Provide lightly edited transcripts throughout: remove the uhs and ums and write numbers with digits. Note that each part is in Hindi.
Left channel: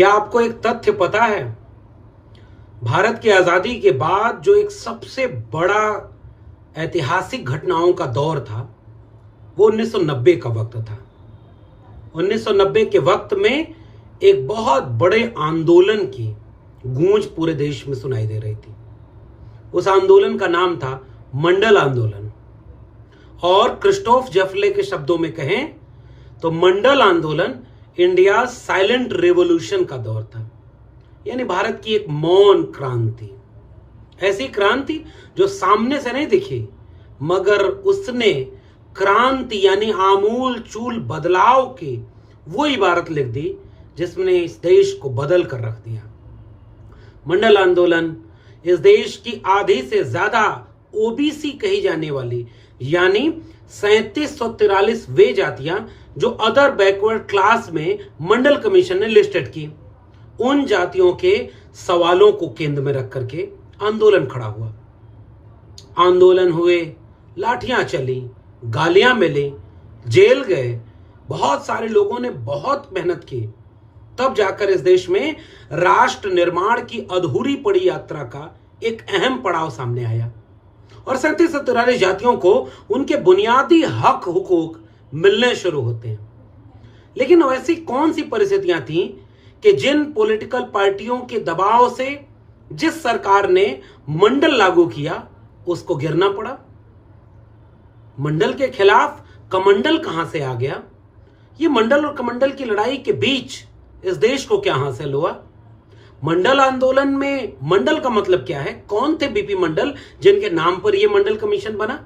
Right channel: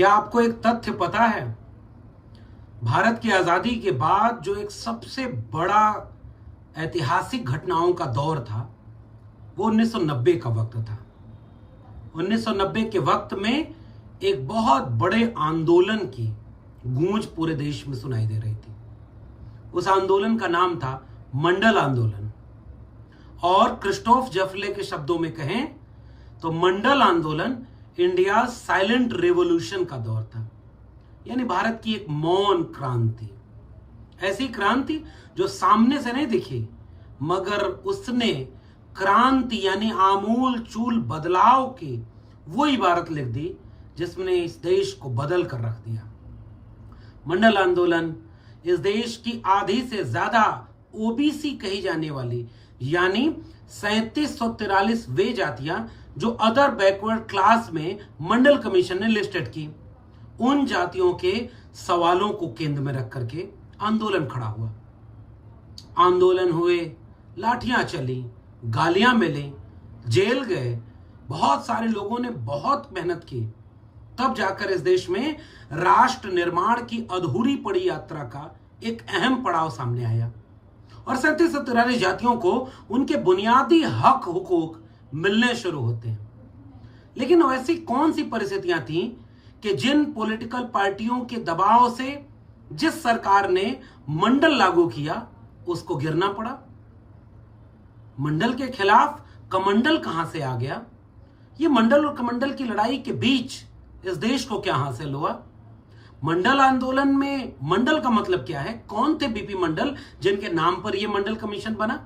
क्या आपको एक तथ्य पता है? भारत की आजादी के बाद जो एक सबसे बड़ा ऐतिहासिक घटनाओं का दौर था वो 1990 का वक्त था। 1990 के वक्त में एक बहुत बड़े आंदोलन की गूंज पूरे देश में सुनाई दे रही थी। उस आंदोलन का नाम था मंडल आंदोलन, और क्रिस्टोफ जफले के शब्दों में कहें तो मंडल आंदोलन इंडिया साइलेंट रिवॉल्यूशन का दौर था, यानी भारत की एक मौन क्रांति, ऐसी क्रांति जो सामने से नहीं दिखी मगर उसने क्रांति यानी आमूल चूल बदलाव की वो इबारत लिख दी जिसने इस देश को बदल कर रख दिया। मंडल आंदोलन इस देश की आधी से ज्यादा ओबीसी कही जाने वाली यानी 3743 वे जातियां जो अदर बैकवर्ड क्लास में मंडल कमीशन ने लिस्टेड की, उन जातियों के सवालों को केंद्र में रख करके आंदोलन खड़ा हुआ। आंदोलन हुए, लाठियां चली, गालियां मिली, जेल गए, बहुत सारे लोगों ने बहुत मेहनत की, तब जाकर इस देश में राष्ट्र निर्माण की अधूरी पड़ी यात्रा का एक अहम पड़ाव सामने आया और 3743 जातियों को उनके बुनियादी हक हुकूक मिलने शुरू होते हैं। लेकिन ऐसी कौन सी परिस्थितियां थीं कि जिन पॉलिटिकल पार्टियों के दबाव से जिस सरकार ने मंडल लागू किया उसको गिरना पड़ा? मंडल के खिलाफ कमंडल कहां से आ गया? ये मंडल और कमंडल की लड़ाई के बीच इस देश को क्या हासिल हुआ? मंडल आंदोलन में मंडल का मतलब क्या है? कौन थे बीपी मंडल जिनके नाम पर यह मंडल कमीशन बना?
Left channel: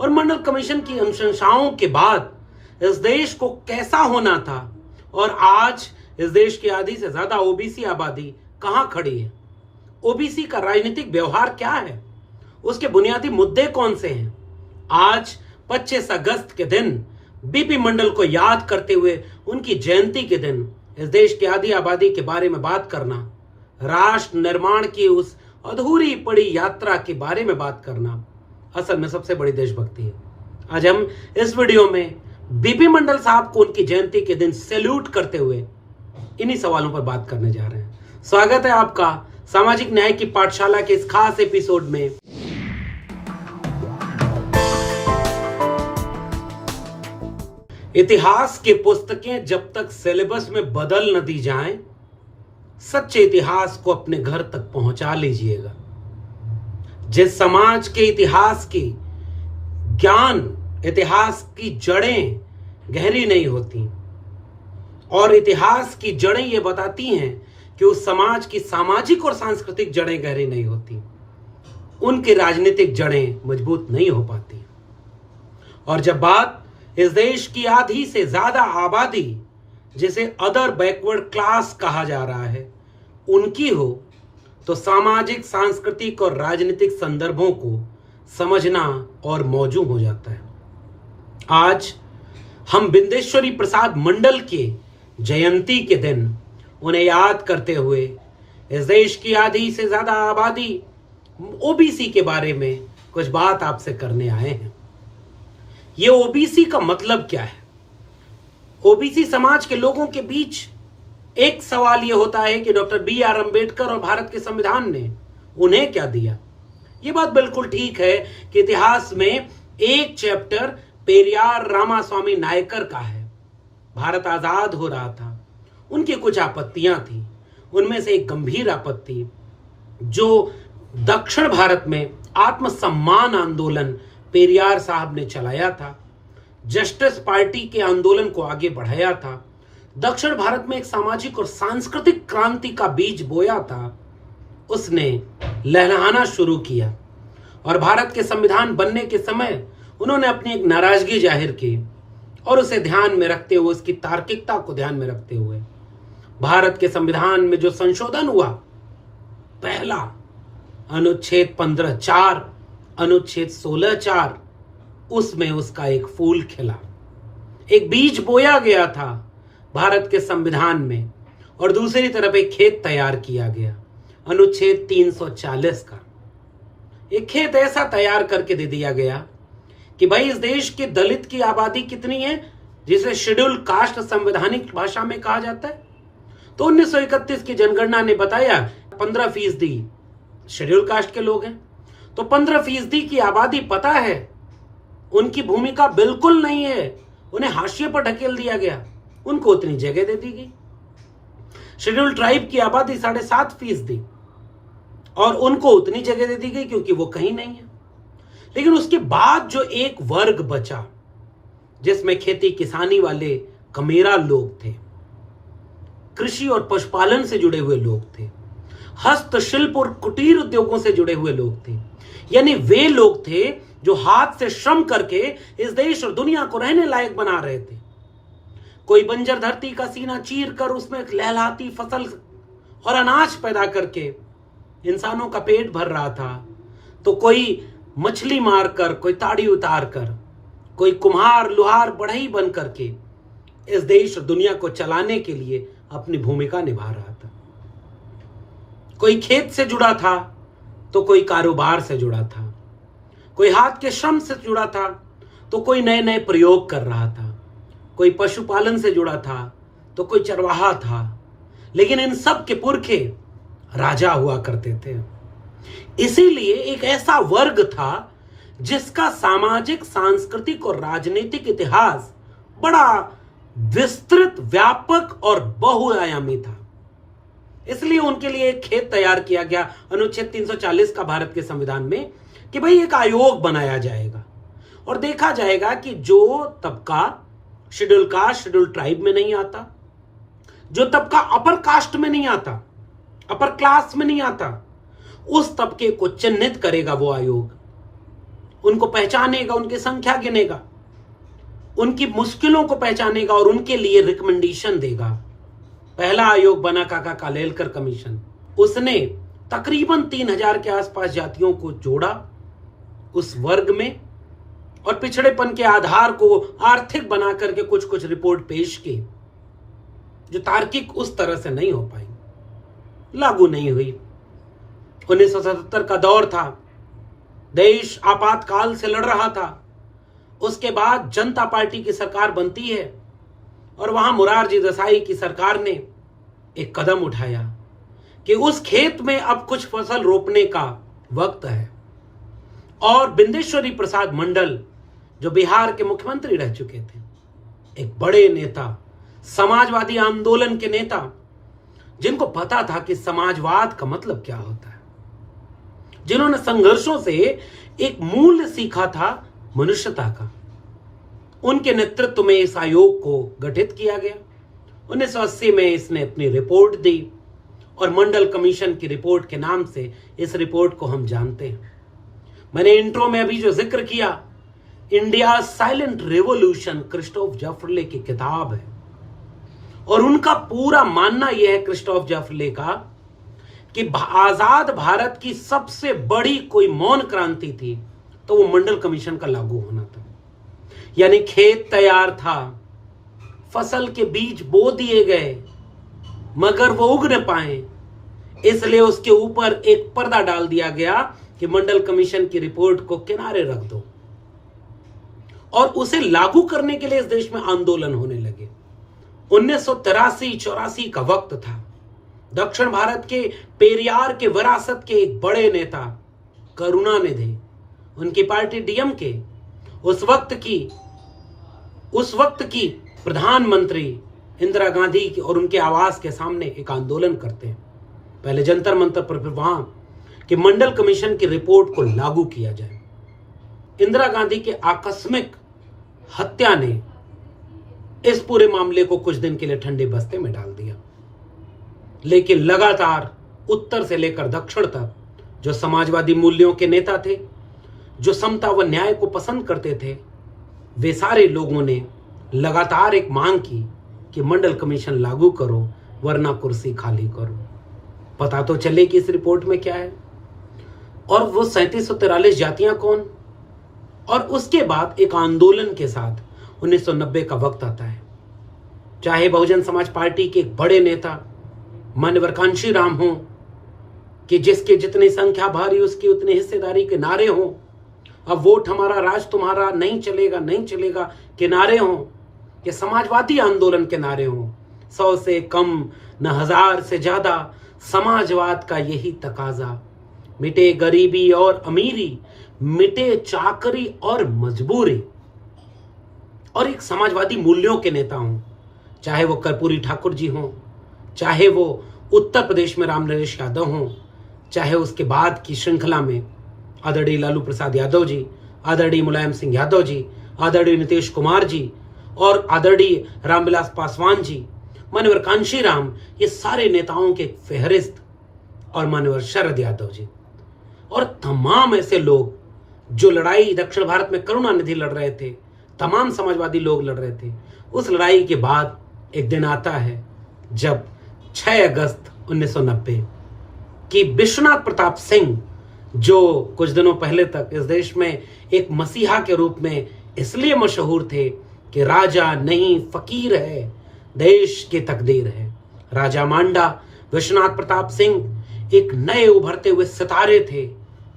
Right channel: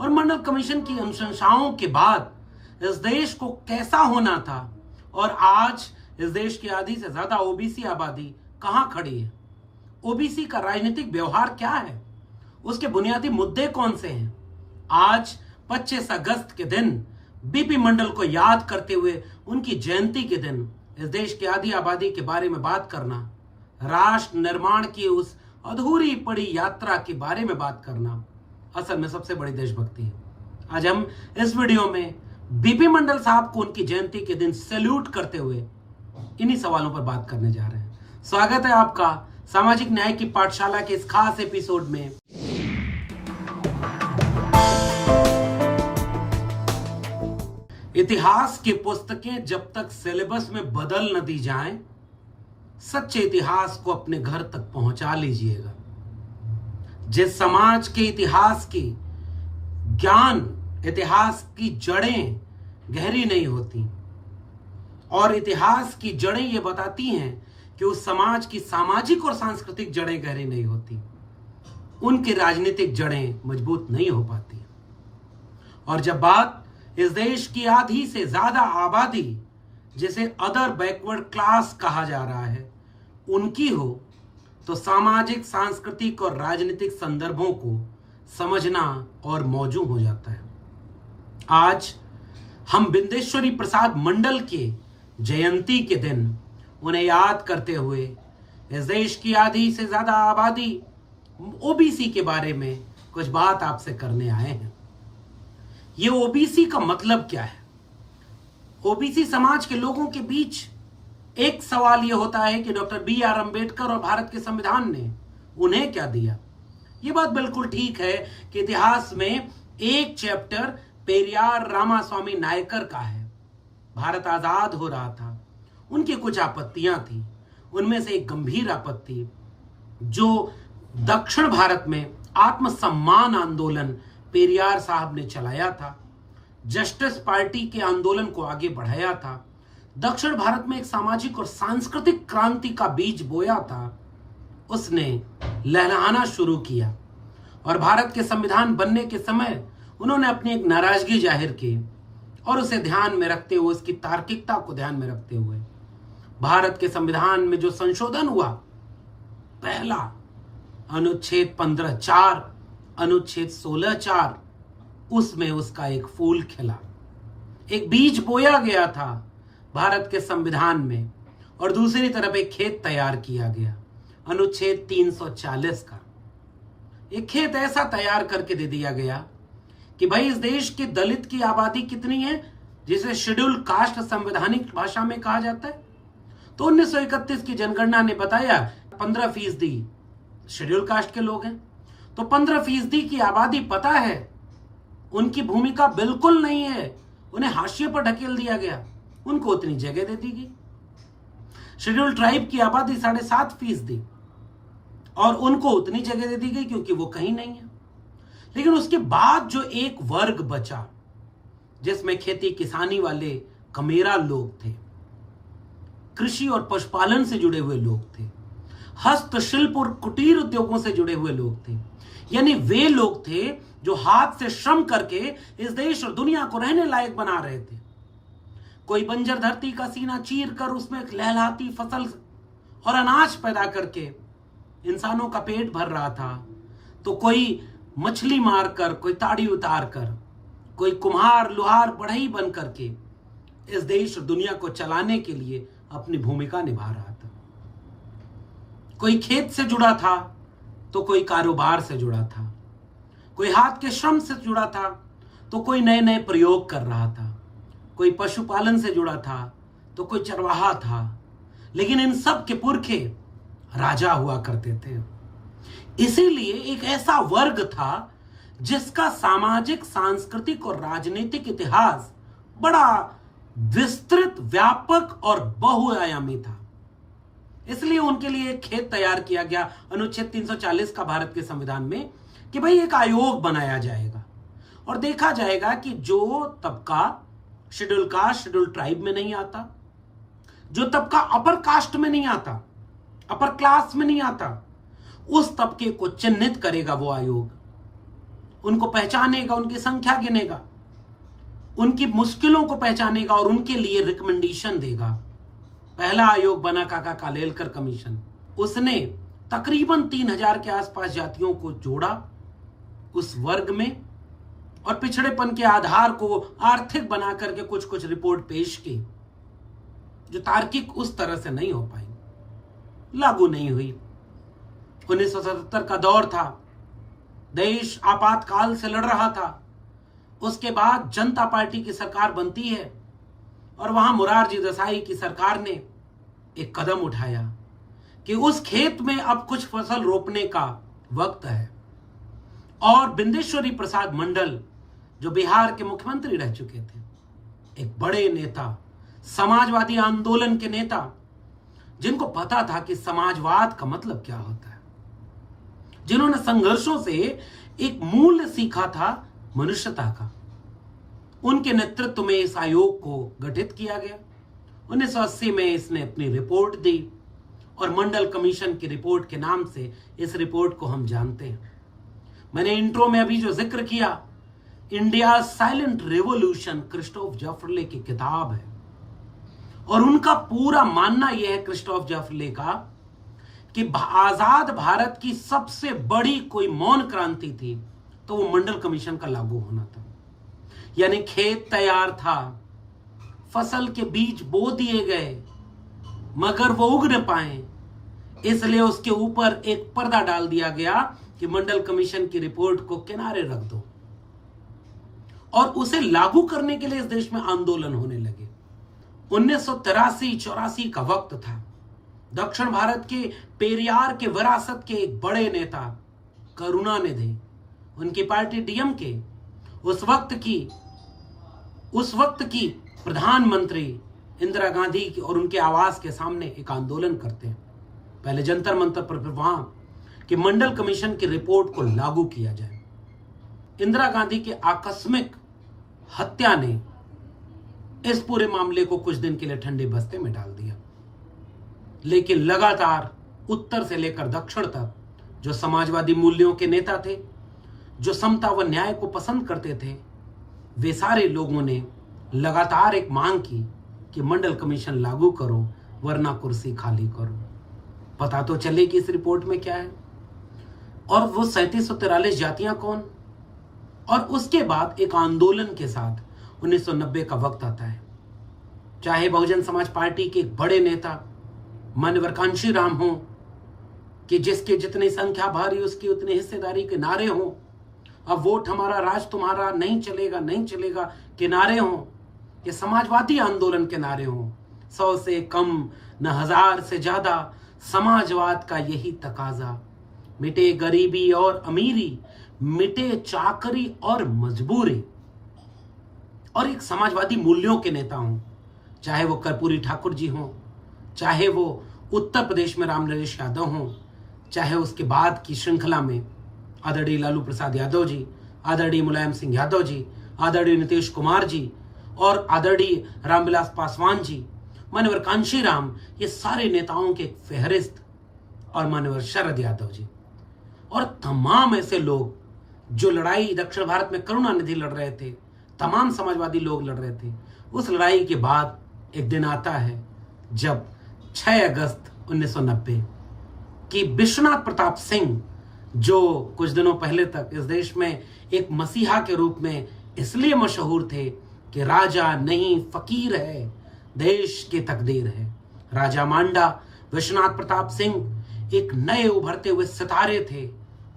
और मंडल कमीशन की अनुशंसाओं के बाद इस देश को कैसा होना था और आज इस देश की आधी से ज्यादा ओबीसी आबादी कहां खड़ी है? ओबीसी का राजनीतिक व्यवहार क्या है? उसके बुनियादी मुद्दे कौन से हैं? आज 25 अगस्त के दिन बीपी मंडल को याद करते हुए उनकी जयंती के दिन इस देश की आधी आबादी के बारे में बात करना, राष्ट्र निर्माण की उस अधूरी पड़ी यात्रा के बारे में बात करना असल में सबसे बड़ी देशभक्ति है। आज हम इस वीडियो में बीपी मंडल साहब को उनकी जयंती के दिन सैल्यूट करते हुए इन्हीं सवालों पर बात करने जा रहे हैं। स्वागत है आपका सामाजिक न्याय की पाठशाला के इस खास एपिसोड में। इतिहास की पुस्तकें जब तक सिलेबस में बदल न दी जाएं, सच्चे इतिहास को अपने घर तक पहुंचा लीजिएगा। जिस समाज के इतिहास की ज्ञान, इतिहास की जड़ें गहरी नहीं होती और इतिहास की जड़ें ये बताती हैं कि उस समाज की सामाजिक और सांस्कृतिक जड़ें गहरी नहीं होती, उनकी राजनीतिक जड़ें मजबूत नहीं हो पाती। और जब बात इस देश की आधी से ज्यादा आबादी जिसे अदर बैकवर्ड क्लास कहा जा रहा है उनकी हो तो सामाजिक, सांस्कृतिक और राजनीतिक संदर्भों को समझना और मौजू हो जाता है। आज हम बिंदेश्वरी प्रसाद मंडल के जयंती के दिन उन्हें याद करते हुए इस देश की आधी से ज्यादा आबादी ओबीसी के बारे में कुछ बात आपसे करने आए हैं। ये ओबीसी का मतलब क्या है? ओबीसी समाज के लोगों के बीच एक सवाल यह होता है कि डॉक्टर बी.आर. अंबेडकर और भारत के संविधान ने उन्हें क्या दिया? यह बात बिल्कुल ठीक है कि इतिहास में एक चैप्टर पेरियार रामास्वामी नायकर का है। भारत आजाद हो रहा था, उनकी कुछ आपत्तियां थी, उनमें से एक गंभीर आपत्ति जो दक्षिण भारत में आत्मसम्मान आंदोलन पेरियार साहब ने चलाया था, जस्टिस पार्टी के आंदोलन को आगे बढ़ाया था, दक्षिण भारत में एक सामाजिक और सांस्कृतिक क्रांति का बीज बोया था, उसने लहलहाना शुरू किया। और भारत के संविधान बनने के समय उन्होंने अपनी एक नाराजगी जाहिर की और उसे ध्यान में रखते हुए, उसकी तार्किकता को ध्यान में रखते हुए भारत के संविधान में जो संशोधन हुआ, पहला अनुच्छेद 15(4), अनुच्छेद 16(4), उसमें उसका एक फूल खिला, एक बीज बोया गया था भारत के संविधान में। और दूसरी तरफ एक खेत तैयार किया गया, अनुच्छेद 340 का एक खेत ऐसा तैयार करके दे दिया गया कि भाई इस देश के दलित की आबादी कितनी है, जिसे शेड्यूल कास्ट संवैधानिक भाषा में कहा जाता है, तो 1931 की जनगणना ने बताया 15% शेड्यूल कास्ट के लोग हैं। तो 15% की आबादी पता है उनकी भूमिका बिल्कुल नहीं है, उन्हें हाशिए पर ढकेल दिया गया, उनको उतनी जगह दे दी गई। शेड्यूल ट्राइब की आबादी 7.5% और उनको उतनी जगह दे दी गई क्योंकि वो कहीं नहीं है। लेकिन उसके बाद जो एक वर्ग बचा जिसमें खेती किसानी वाले कमेरा लोग थे, कृषि और पशुपालन से जुड़े हुए लोग थे, हस्तशिल्प और कुटीर उद्योगों से जुड़े हुए लोग थे, यानी वे लोग थे जो हाथ से श्रम करके इस देश और दुनिया को रहने लायक बना रहे थे। कोई बंजर धरती का सीना चीर कर उसमें एक लहलहाती फसल और अनाज पैदा करके इंसानों का पेट भर रहा था, तो कोई मछली मारकर, कोई ताड़ी उतार कर, कोई कुम्हार लुहार बढ़ई बन करके इस देश और दुनिया को चलाने के लिए अपनी भूमिका निभा रहा था। कोई खेत से जुड़ा था तो कोई कारोबार से जुड़ा था, कोई हाथ के श्रम से जुड़ा था तो कोई नए नए प्रयोग कर रहा था, कोई पशुपालन से जुड़ा था तो कोई चरवाहा था। लेकिन इन सब के पुरखे राजा हुआ करते थे। इसीलिए एक ऐसा वर्ग था जिसका सामाजिक, सांस्कृतिक और राजनीतिक इतिहास बड़ा विस्तृत, व्यापक और बहुआयामी था। इसलिए उनके लिए एक खेत तैयार किया गया अनुच्छेद 340 का भारत के संविधान में कि भाई एक आयोग बनाया जाएगा और देखा जाएगा कि जो तबका शेड्यूल कास्ट, शेड्यूल ट्राइब में नहीं आता, जो तबका अपर कास्ट में नहीं आता, अपर क्लास में नहीं आता, उस तबके को चिन्हित करेगा वो आयोग, उनको पहचानेगा, उनकी संख्या गिनेगा, उनकी मुश्किलों को पहचानेगा और उनके लिए रिकमेंडेशन देगा। पहला आयोग बना काका कालेलकर कमीशन। उसने तकरीबन 3000 के आसपास जातियों को जोड़ा उस वर्ग में और पिछड़ेपन के आधार को आर्थिक बना करके कुछ कुछ रिपोर्ट पेश की जो तार्किक उस तरह से नहीं हो पाई, लागू नहीं हुई। 1977 का दौर था, देश आपातकाल से लड़ रहा था। उसके बाद जनता पार्टी की सरकार बनती है और वहां मोरारजी देसाई की सरकार ने एक कदम उठाया कि उस खेत में अब कुछ फसल रोपने का वक्त है। और बिंदेश्वरी प्रसाद मंडल जो बिहार के मुख्यमंत्री रह चुके थे, एक बड़े नेता, समाजवादी आंदोलन के नेता, जिनको पता था कि समाजवाद का मतलब क्या होता है, जिन्होंने संघर्षों से एक मूल्य सीखा था मनुष्यता का, उनके नेतृत्व में इस आयोग को गठित किया गया। 1980 में इसने अपनी रिपोर्ट दी और मंडल कमीशन की रिपोर्ट के नाम से इस रिपोर्ट को हम जानते हैं। मैंने इंट्रो में अभी जो जिक्र किया, इंडिया साइलेंट रेवोल्यूशन, क्रिस्टोफ जैफरले की किताब है और उनका पूरा मानना यह है क्रिस्टोफ जैफरले का कि आजाद भारत की सबसे बड़ी कोई मौन क्रांति थी तो वो मंडल कमीशन का लागू होना था। यानी खेत तैयार था, फसल के बीज बो दिए गए, मगर वो उग न पाए, इसलिए उसके ऊपर एक पर्दा डाल दिया गया कि मंडल कमीशन की रिपोर्ट को किनारे रख दो और उसे लागू करने के लिए इस देश में आंदोलन होने लगे। 1983-84 का वक्त था। दक्षिण भारत के पेरियार के विरासत के एक बड़े नेता करुणानिधि, उनकी पार्टी डीएमके, उस वक्त की प्रधानमंत्री इंदिरा गांधी और उनके आवास के सामने एक आंदोलन करते हैं, पहले जंतर मंतर पर, फिर वहां कि मंडल कमीशन की रिपोर्ट को लागू किया जाए। इंदिरा गांधी के आकस्मिक हत्या ने इस पूरे मामले को कुछ दिन के लिए ठंडे बस्ते में डाल दिया, लेकिन लगातार उत्तर से लेकर दक्षिण तक जो समाजवादी मूल्यों के नेता थे, जो समता व न्याय को पसंद करते थे, वे सारे लोगों ने लगातार एक मांग की कि मंडल कमीशन लागू करो वरना कुर्सी खाली करो। पता तो चले कि इस रिपोर्ट में क्या है और वो 3743 जातियां कौन। और उसके बाद एक आंदोलन के साथ 1990 का वक्त आता है। चाहे बहुजन समाज पार्टी के एक बड़े नेता माननीय कांशीराम हो कि जिसके जितनी संख्या भारी उसकी उतनी हिस्सेदारी के नारे हों, अब वोट हमारा राज तुम्हारा, नहीं चलेगा नहीं चलेगा के नारे हों, कि समाजवादी आंदोलन के नारे हों, 100 से कम न 1000 से ज्यादा समाजवाद का यही तकाजा। मिटे गरीबी और अमीरी, मिटे चाकरी और मजबूरी। और एक समाजवादी मूल्यों के नेता हूं, चाहे वो कर्पूरी ठाकुर जी हों, चाहे वो उत्तर प्रदेश में रामनरेश यादव हों, चाहे उसके बाद की श्रृंखला में आदरणीय लालू प्रसाद यादव जी, आदरणीय मुलायम सिंह यादव जी, आदरणीय नीतीश कुमार जी और आदरणीय रामविलास पासवान जी, मान्यवर कांशीराम, ये सारे नेताओं के फेहरिस्त, और मान्यवर शरद यादव जी और तमाम ऐसे लोग जो लड़ाई दक्षिण भारत में करुणानिधि लड़ रहे थे, तमाम समाजवादी लोग लड़ रहे थे। उस लड़ाई के बाद एक दिन आता है जब 6 अगस्त 1990 कि विश्वनाथ प्रताप सिंह, जो कुछ दिनों पहले तक इस देश में एक मसीहा के रूप में इसलिए मशहूर थे कि राजा नहीं फकीर है, देश की तकदीर है। राजा मांडा विश्वनाथ प्रताप सिंह एक नए उभरते हुए सितारे थे,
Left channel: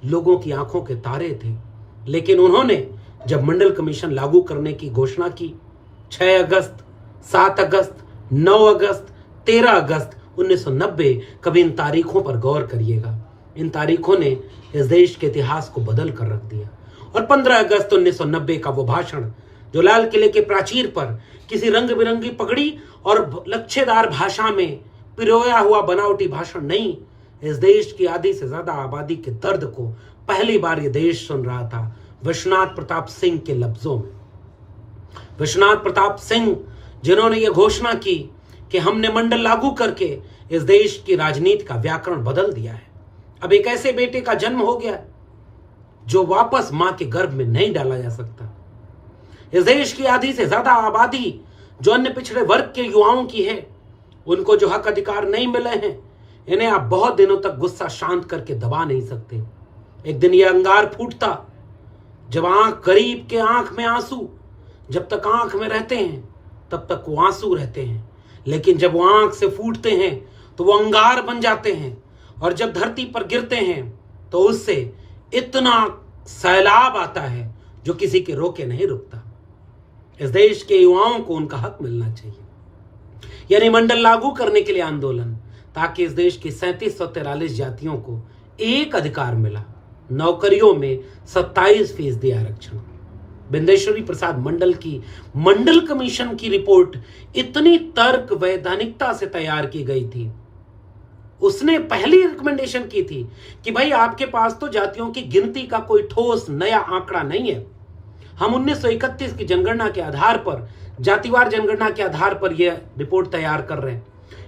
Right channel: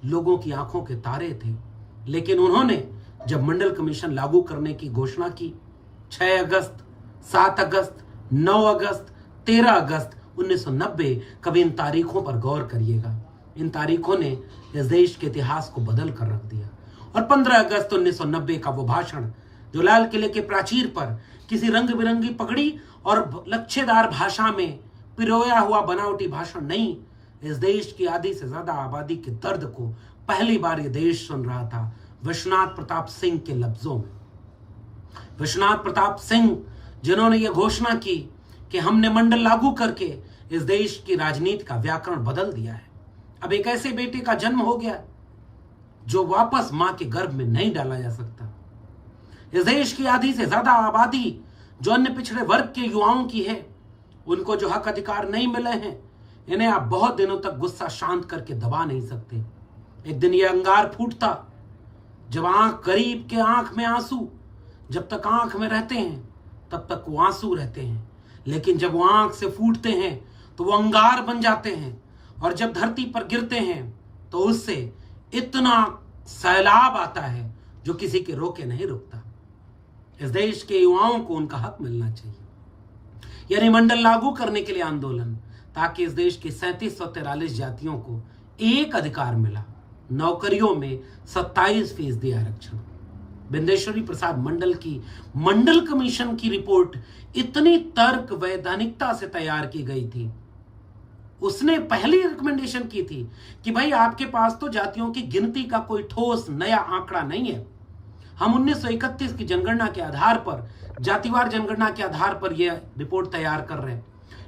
लोगों की आंखों के तारे थे। लेकिन उन्होंने जब मंडल कमीशन लागू करने की घोषणा की, 6 अगस्त, 7 अगस्त, 9 अगस्त, 13 अगस्त 1990, कभी इन तारीखों पर गौर करिएगा। इन तारीखों ने इस देश के इतिहास को बदल कर रख दिया। और 15 अगस्त 1990 का वो भाषण, जो लाल किले के प्राचीर पर किसी रंग बिरंगी पगड़ी और लच्छेदार भाषा में पिरोया हुआ बनावटी भाषण नहीं, इस देश की आधी से ज्यादा आबादी के दर्द को पहली बार ये देश सुन रहा था विश्वनाथ प्रताप सिंह के लफ्जों में। विश्वनाथ प्रताप सिंह जिन्होंने ये घोषणा की कि हमने मंडल लागू करके इस देश की राजनीति का व्याकरण बदल दिया है। अब एक ऐसे बेटे का जन्म हो गया जो वापस मां के गर्भ में नहीं डाला जा सकता। इस देश की आधी से ज्यादा आबादी जो अन्य पिछड़े वर्ग के युवाओं की है, उनको जो हक अधिकार नहीं मिले हैं, इन्हें आप बहुत दिनों तक गुस्सा शांत करके दबा नहीं सकते। एक दिन यह अंगार फूटता जब गरीब के आंख में आंसू, जब तक आंख में रहते हैं तब तक वो आंसू रहते हैं, लेकिन जब वो आंख से फूटते हैं तो वो अंगार बन जाते हैं, और जब धरती पर गिरते हैं तो उससे इतना सैलाब आता है जो किसी के रोके नहीं रुकता। इस देश के युवाओं को उनका हक मिलना चाहिए, यानी मंडल लागू करने के लिए आंदोलन, ताकि इस देश की 3743 जातियों को एक अधिकार मिला, नौकरियों में 27% आरक्षण। बिंदेश्वरी प्रसाद मंडल की मंडल कमीशन की रिपोर्ट इतनी तर्क वैधानिकता से तैयार की गई थी। उसने पहली रिकमेंडेशन की थी कि भाई आपके पास तो जातियों की गिनती का कोई ठोस नया आंकड़ा नहीं है, हम 1931 की जनगणना के आधार पर, जातिवार जनगणना के आधार पर यह रिपोर्ट तैयार कर रहे हैं।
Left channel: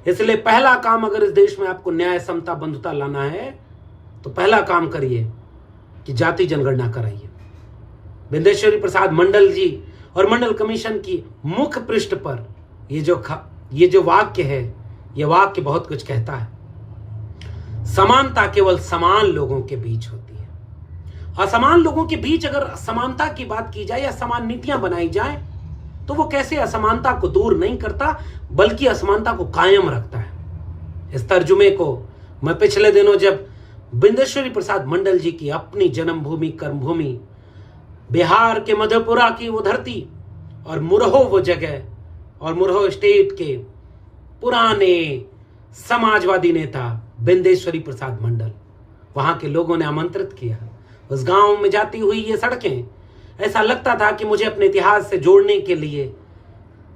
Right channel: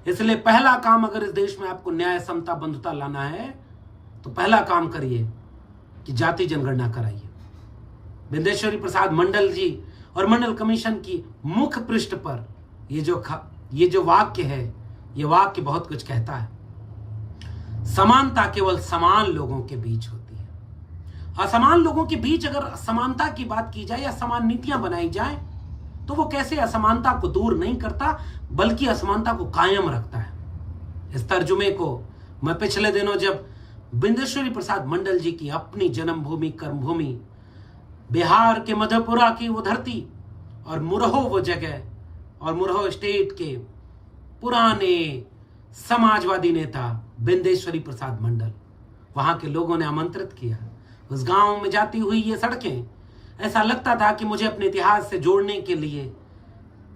इसलिए पहला काम, अगर इस देश में आपको न्याय, समता, बंधुता लाना है तो पहला काम करिए कि जाति जनगणना कराइए। बिंदेश्वरी प्रसाद मंडल जी और मंडल कमीशन की मुख्य पृष्ठ पर ये जो वाक्य है, यह वाक्य बहुत कुछ कहता है। समानता केवल समान लोगों के बीच होती है। असमान लोगों के बीच अगर समानता की बात की जाए या समान नीतियां बनाई जाए तो वो कैसे असमानता को दूर नहीं करता, बल्कि असमानता को कायम रखता है। इस तर्जुमे को मैं पिछले दिनों जब बिंदेश्वरी प्रसाद मंडल जी की अपनी जन्मभूमि, कर्मभूमि, बिहार के मधेपुरा की वो धरती और मुरहो वो जगह, और मुरहो स्टेट के पुराने समाजवादी नेता बिंदेश्वरी प्रसाद मंडल, वहां के लोगों ने आमंत्रित किया। उस गांव में जाती हुई ये सड़कें, ऐसा लगता था कि मुझे अपने इतिहास से जोड़ने के लिए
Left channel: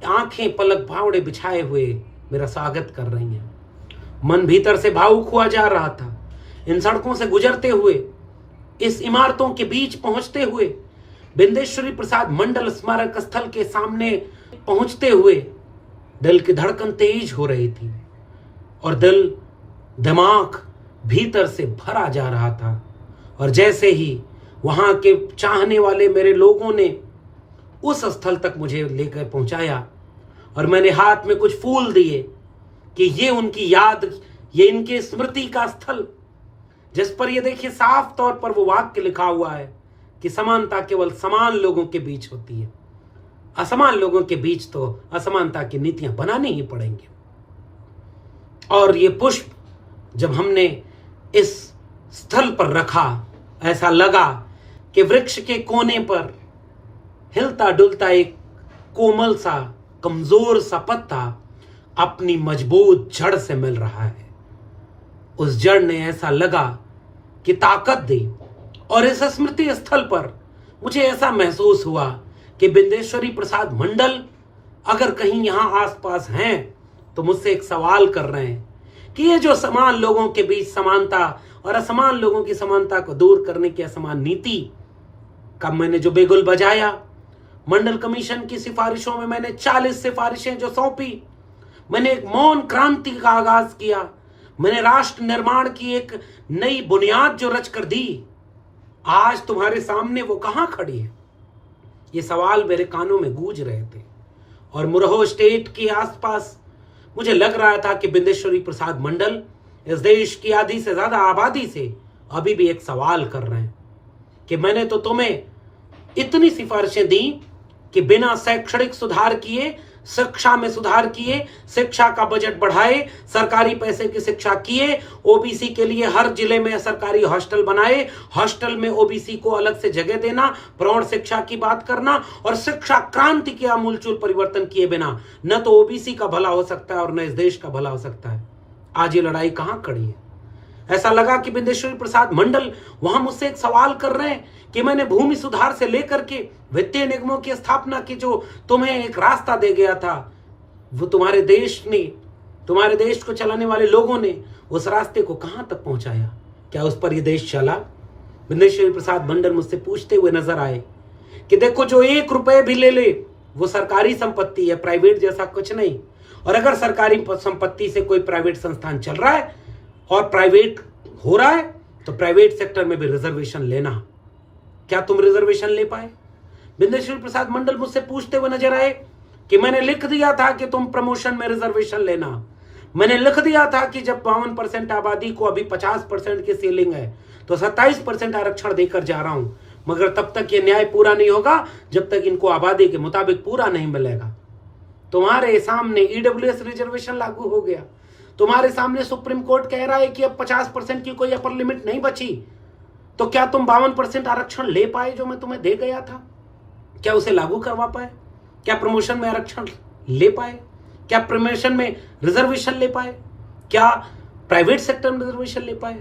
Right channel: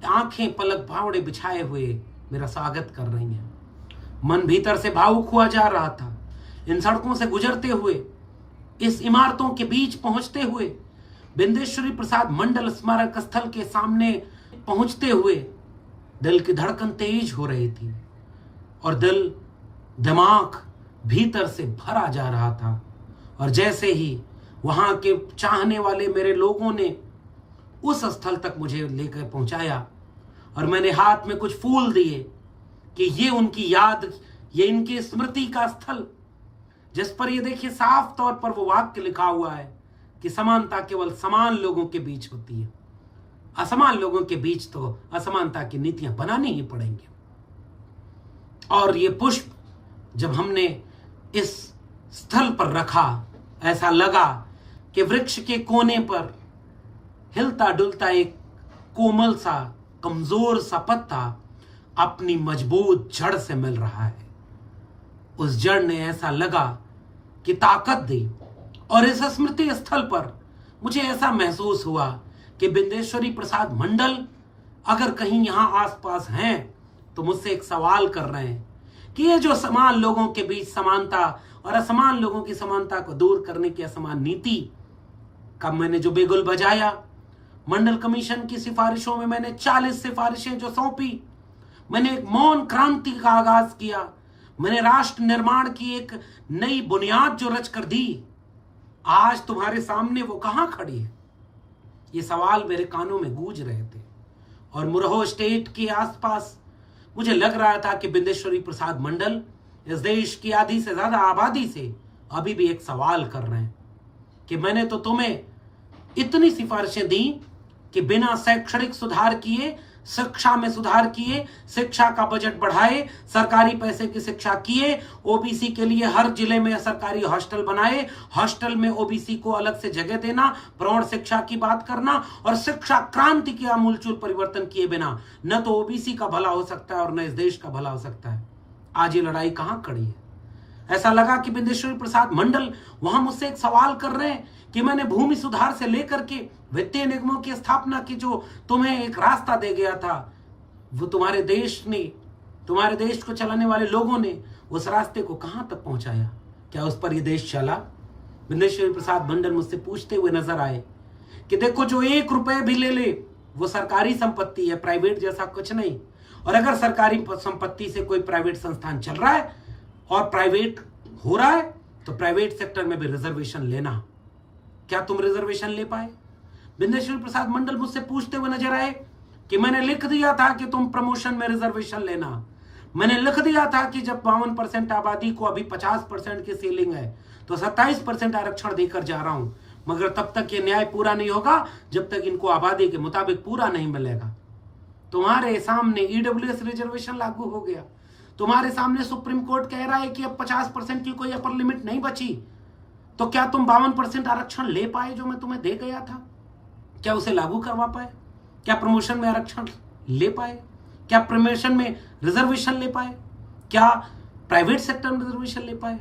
आंखें पलक फावड़े बिछाए हुए मेरा स्वागत कर रही हैं। मन भीतर से भावुक हुआ जा रहा था। इन सड़कों से गुजरते हुए, इस इमारतों के बीच पहुंचते हुए, बिंदेश्वरी प्रसाद मंडल स्मारक स्थल के सामने पहुंचते हुए दिल की धड़कन तेज हो रही थी और दिमाग भीतर से भरा जा रहा था। और जैसे ही वहां के चाहने वाले मेरे लोगों ने उस स्थल तक मुझे लेकर पहुंचाया और मैंने हाथ में कुछ फूल दिए कि ये उनकी याद, ये इनके स्मृति का स्थल, जिस पर ये देखिए साफ तौर पर वो वाक्य लिखा हुआ है कि समानता केवल समान लोगों के बीच होती है, असमान लोगों के बीच तो असमानता की नीतियां बनानी ही पड़ेंगी। और ये पुष्प जब हमने इस स्थल पर रखा, ऐसा लगा कि वृक्ष के कोने पर हिलता डुलता एक कोमल सा, कमजोर सा पत्ता अपनी मजबूत जड़ से मिल रहा है। उस जड़ ने ऐसा लगा कि ताकत दी, और इस स्मृति स्थल पर मुझे ऐसा महसूस हुआ कि बिंदेश्वरी प्रसाद मंडल अगर कहीं यहां आसपास हैं तो मुझसे एक सवाल कर रहे हैं कि ये जो समान लोगों के बीच समानता और असमान लोगों की समानता को दूर करने की असमान नीति का मैंने जो बिगुल बजाया, मंडल कमीशन की सिफारिशों में मैंने 40 सिफारिशें जो सौंपी, मैंने एक मौन क्रांति का आगाज किया, मैंने राष्ट्र निर्माण की एक नई बुनियाद जो रच कर दी, आज तुम्हारे सामने वो कहां खड़ी है? ये सवाल मेरे कानों में गूंज रहे थे। और मुरहो स्टेट के आसपास मुझे लग रहा था कि बिंदेश्वरी प्रसाद मंडल इस देश की आधी से ज्यादा आबादी से अभी भी एक सवाल कर रहे हैं कि मैंने तो तुम्हें इतनी सिफारिशें दी कि बिना शैक्षणिक सुधार किए, शिक्षा में सुधार किए, शिक्षा का बजट बढ़ाए, सरकारी पैसे की शिक्षा किए, ओबीसी के लिए हर जिले में सरकारी हॉस्टल बनाए, हॉस्टल में ओबीसी को अलग से जगह देना, प्रौढ़ शिक्षा की बात करना, और शिक्षा क्रांति के आमूलचूल परिवर्तन किए बिना न तो ओबीसी का भला हो सकता है और न इस देश का भला हो सकता है। आज ये लड़ाई कहां खड़ी है? ऐसा लगा कि बिंदेश्वरी प्रसाद मंडल वहां मुझसे एक सवाल कर रहे हैं कि मैंने भूमि सुधार से लेकर के वित्तीय निगमों की स्थापना की जो तुम्हें एक रास्ता दे गया था, वो तुम्हारे देश को चलाने वाले लोगों ने उस रास्ते को कहां तक पहुंचाया? क्या उस पर ये देश चला? बिंदेश्वरी प्रसाद मंडल मुझसे पूछते हुए नजर आए कि देखो, जो 1 रुपए भी ले ले वो सरकारी संपत्ति है, प्राइवेट जैसा कुछ नहीं। और अगर सरकारी संपत्ति से कोई प्राइवेट संस्थान चल रहा है और प्राइवेट हो रहा है तो प्राइवेट सेक्टर में भी रिजर्वेशन लेना। क्या तुम रिजर्वेशन ले पाए? बिंदेश्वरी प्रसाद मंडल मुझसे पूछते हुए नजर आए कि मैंने लिख दिया था कि तुम प्रमोशन में रिजर्वेशन लेना, मैंने लिख दिया था कि जब 52% आबादी को अभी 50% की सीलिंग है तो 27% आरक्षण देकर जा रहा हूं, मगर तब तक ये न्याय पूरा नहीं होगा जब तक इनको आबादी के मुताबिक पूरा नहीं मिलेगा। तुम्हारे सामने ईडब्ल्यूएस रिजर्वेशन लागू हो गया, तुम्हारे सामने सुप्रीम कोर्ट कह रहा है कि अब 50% की कोई अपर लिमिट नहीं बची, तो क्या तुम 52% आरक्षण ले पाए जो मैं तुम्हें दे गया था? क्या उसे लागू करवा पाए? क्या प्रमोशन में आरक्षण ले पाए? क्या प्रमोशन में रिजर्वेशन ले पाए? क्या प्राइवेट सेक्टर में रिजर्वेशन ले पाए?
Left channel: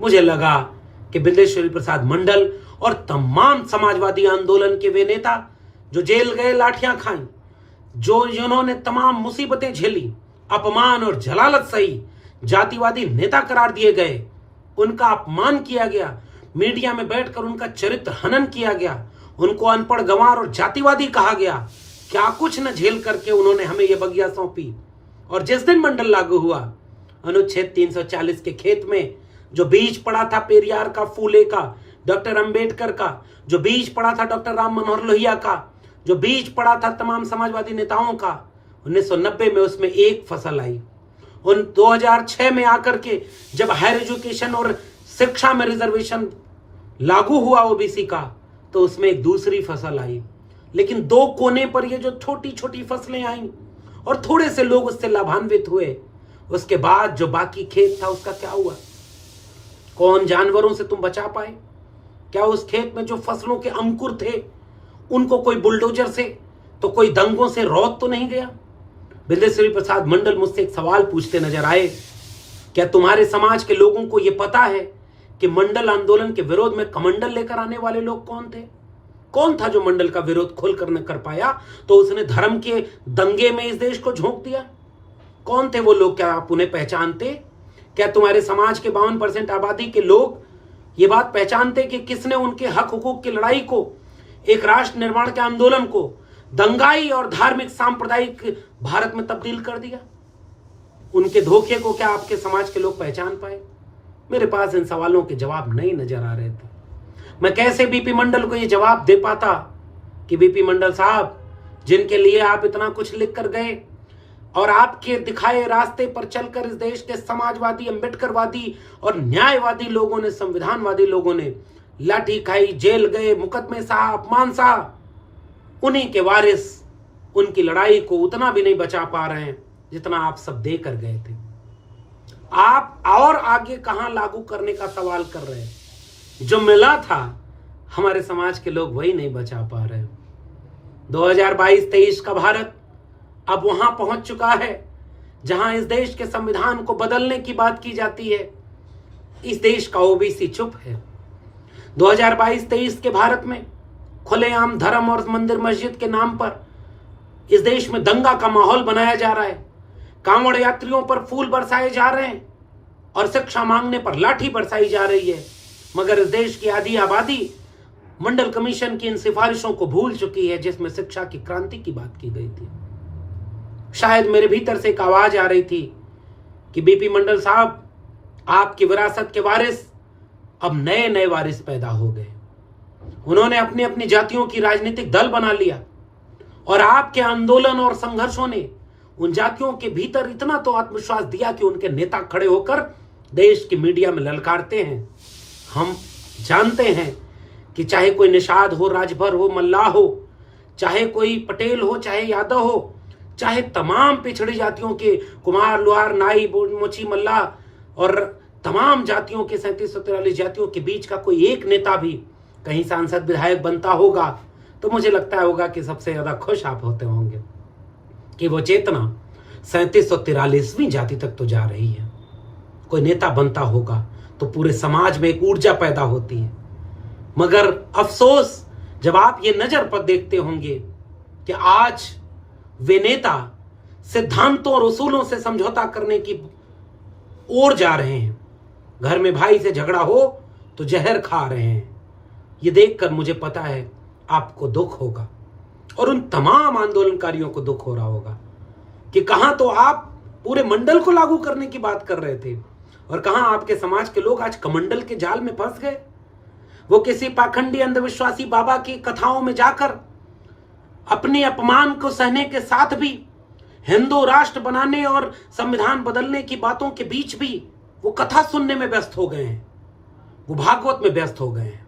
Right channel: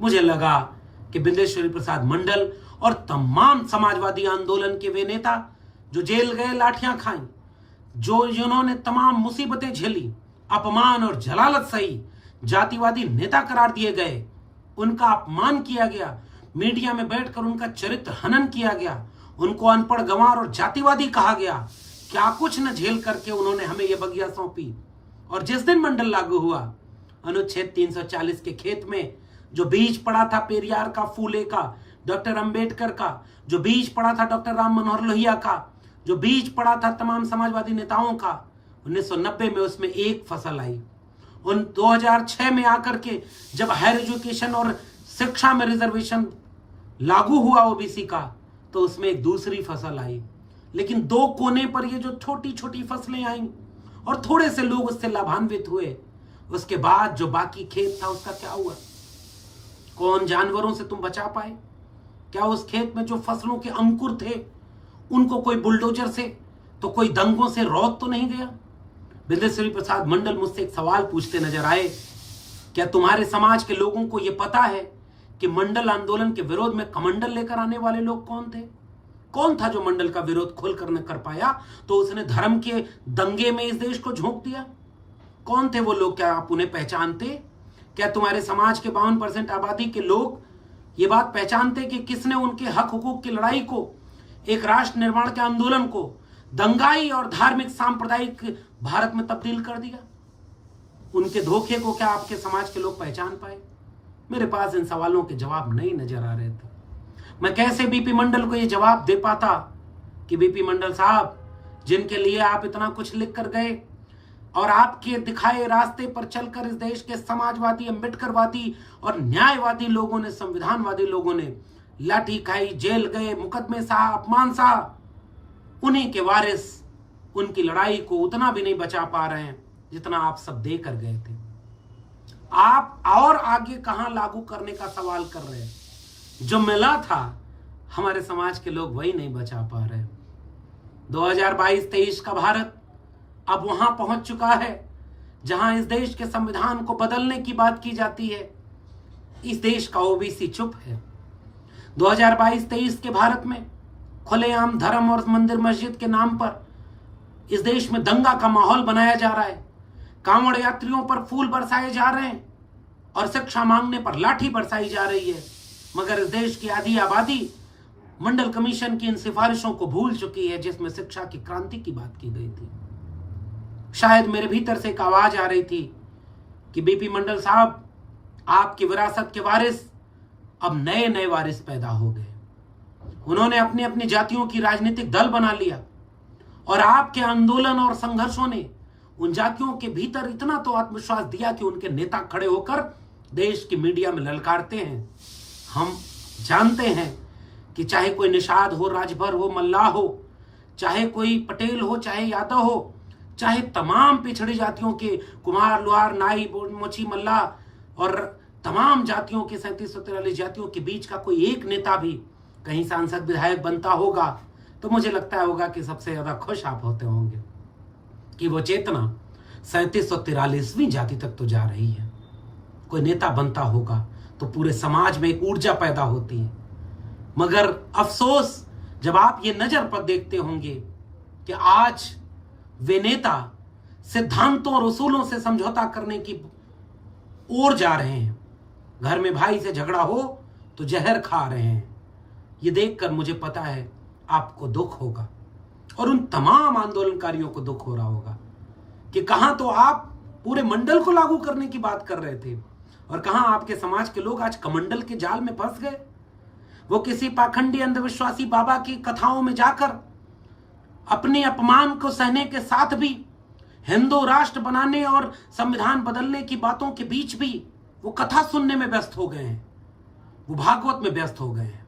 मुझे लगा कि बिंदेश्वरी प्रसाद मंडल और तमाम समाजवादी आंदोलन के वे नेता जो जेल गए, लाठियां खाई, जिन्होंने तमाम मुसीबतें झेली, अपमान और जलालत सही, जातिवादी नेता करार दिए गए, उनका अपमान किया गया, मीडिया में बैठकर उनका चरित्र हनन किया गया, उनको अनपढ़, गंवार और जातिवादी कहा गया, क्या कुछ न झेल करके उन्होंने हमें यह बगिया सौंपी। और जिस दिन मंडल लागू हुआ, अनुच्छेद 340 के खेत में जो बीज पड़ा था पेरियार का, फूले का, डॉक्टर अंबेडकर का, जो बीज पड़ा था डॉक्टर राम मनोहर लोहिया का, जो बीज पड़ा था तमाम समाजवादी नेताओं का, 1990 में उसमें एक फसल आई। उन 2006 में आकर के जब हायर एजुकेशन और शिक्षा में रिजर्वेशन लागू हुआ ओबीसी का, तो उसमें एक दूसरी फसल आई। लेकिन 2 कोने पर ये जो छोटी छोटी फसलें आई और थोड़े से लोग उससे लाभान्वित हुए, उसके बाद जो बाकी खेत था उसका क्या हुआ? कौन जानवरों से तुम बचा पाए? क्या उस खेत में जो फसलों के अंकुर थे उनको कोई बुलडोजर से तो कोई दंगों से रौंद तो नहीं गया? बिंदेश्वरी प्रसाद मंडल मुझसे एक सवाल पूछते नजर आए, क्या तुम्हारे समाज के लोगों को यह पता है कि मंडल आंदोलन के विरोध में कमंडल लेकर आने वाले लोग कौन थे? कौन था जो मंडल का विरोध खुलकर न कर पाया तो उसने धर्म के दंगे में इस देश को झोंक दिया? कौन थे वो लोग? क्या आप उन्हें पहचानते? क्या तुम्हारे समाज के 52% आबादी के लोग ये बात पहचानते कि किसने उनके हक हुकूक की लड़ाई को, एक राष्ट्र निर्माण के आंदोलन को दंगाई और धार्मिक सांप्रदायिक भारत में तब्दील कर दिया? उनके धोखे को क्या आपके समाज के लोग पहचान पाए? मेरे पास इन सवालों के जवाब नहीं नजर आ रहे थे। मैं कैसे बीपी मंडल को ये जवाब दे पाता कि बीपी मंडल साहब, जिनके लिए आप इतना कुछ लिख कर गए और आपके दिखाए रास्ते पर चलकर इस देश के समाजवादी, अंबेडकरवादी और न्यायवादी लोगों ने, संविधानवादी लोगों ने लाठी खाई, जेल गए, मुकदमे सहा, अपमान सहा, उन्हीं के वारिस उनकी लड़ाई को उतना भी नहीं बचा पा रहे हैं जितना आप सब दे कर गए थे। आप और आगे कहां लागू करने का सवाल कर रहे हैं? जो मिला था हमारे समाज के लोग वही नहीं बचा पा रहे। 2022-23 का भारत अब वहां पहुंच चुका है जहां इस देश के संविधान को बदलने की बात की जाती है, इस देश का ओबीसी चुप है। 2022-23 के भारत में खुलेआम धर्म और मंदिर मस्जिद के नाम पर इस देश में दंगा का माहौल बनाया जा रहा है। कांवड़ यात्रियों पर फूल बरसाए जा रहे हैं और शिक्षा मांगने पर लाठी बरसाई जा रही है। मगर इस देश की आधी आबादी मंडल कमीशन की इन सिफारिशों को भूल चुकी है, जिसमें शिक्षा की क्रांति की बात की गई थी। शायद मेरे भीतर से एक आवाज आ रही थी कि बीपी मंडल साहब, आपकी विरासत के वारिस अब नए नए वारिस पैदा हो गए। उन्होंने अपनी अपनी जातियों की राजनीतिक दल बना लिया और आपके आंदोलन और संघर्षों ने उन जातियों के भीतर इतना तो आत्मविश्वास दिया कि उनके नेता खड़े होकर देश की मीडिया में ललकारते हैं। हम जानते हैं कि चाहे कोई निषाद हो, राजभर हो, मल्लाह हो, चाहे कोई पटेल हो, चाहे यादव हो, चाहे तमाम पिछड़ी जातियों के कुमार, लुहार, नाई, मोची, मल्लाह और तमाम जातियों के 3743 जातियों के बीच का कोई एक नेता भी कहीं सांसद विधायक बनता होगा तो मुझे लगता होगा कि सबसे ज्यादा खुश आप होते होंगे कि वो चेतना 3743वीं जाति तक तो जा रही है। कोई नेता बनता होगा तो पूरे समाज में एक ऊर्जा पैदा होती है। मगर अफसोस जब आप ये नजर पर देखते होंगे कि आज वे नेता सिद्धांतों और उसूलों से समझौता करने की ओर जा रहे हैं। घर में भाई से झगड़ा हो तो जहर खा रहे हैं। ये देखकर मुझे पता है आपको दुख होगा और उन तमाम आंदोलनकारियों को दुख हो रहा होगा कि कहां तो आप पूरे मंडल को लागू करने की बात कर रहे थे और कहां आपके समाज के लोग आज कमंडल के जाल में फंस गए। वो किसी पाखंडी अंधविश्वासी बाबा की कथाओं में जाकर अपने अपमान को सहने के साथ भी हिंदू राष्ट्र बनाने और संविधान बदलने की बातों के बीच भी वो कथा सुनने में व्यस्त हो गए हैं, वो भागवत में व्यस्त हो गए हैं।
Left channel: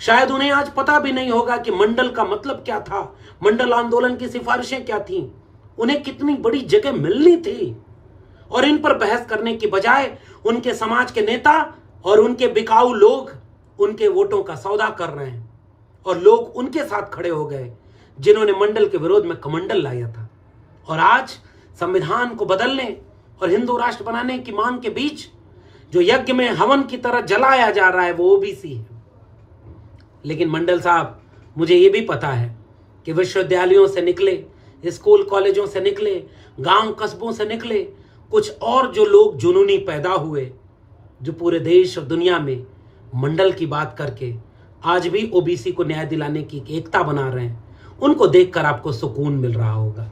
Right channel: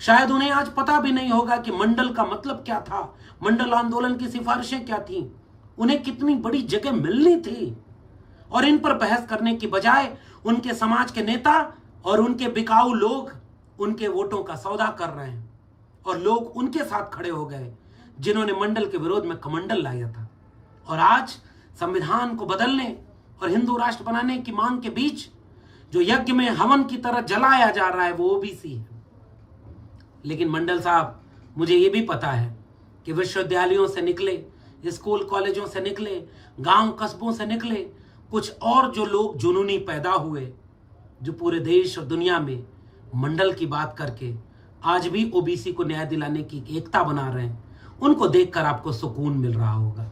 शायद उन्हें आज पता भी नहीं होगा कि मंडल का मतलब क्या था, मंडल आंदोलन की सिफारिशें क्या थीं, उन्हें कितनी बड़ी जगह मिलनी थी। और इन पर बहस करने की बजाय उनके समाज के नेता और उनके बिकाऊ लोग उनके वोटों का सौदा कर रहे हैं और लोग उनके साथ खड़े हो गए जिन्होंने मंडल के विरोध में कमंडल लाया था। और आज संविधान को बदलने और हिंदू राष्ट्र बनाने की मांग के बीच जो यज्ञ में हवन की तरह जलाया जा रहा है वो ओबीसी है। लेकिन मंडल साहब, मुझे ये भी पता है कि विश्वविद्यालयों से निकले, स्कूल कॉलेजों से निकले, गांव कस्बों से निकले कुछ और जो लोग जुनूनी पैदा हुए, जो पूरे देश और दुनिया में मंडल की बात करके आज भी ओबीसी को न्याय दिलाने की एकता बना रहे हैं, उनको देखकर आपको सुकून मिल रहा होगा।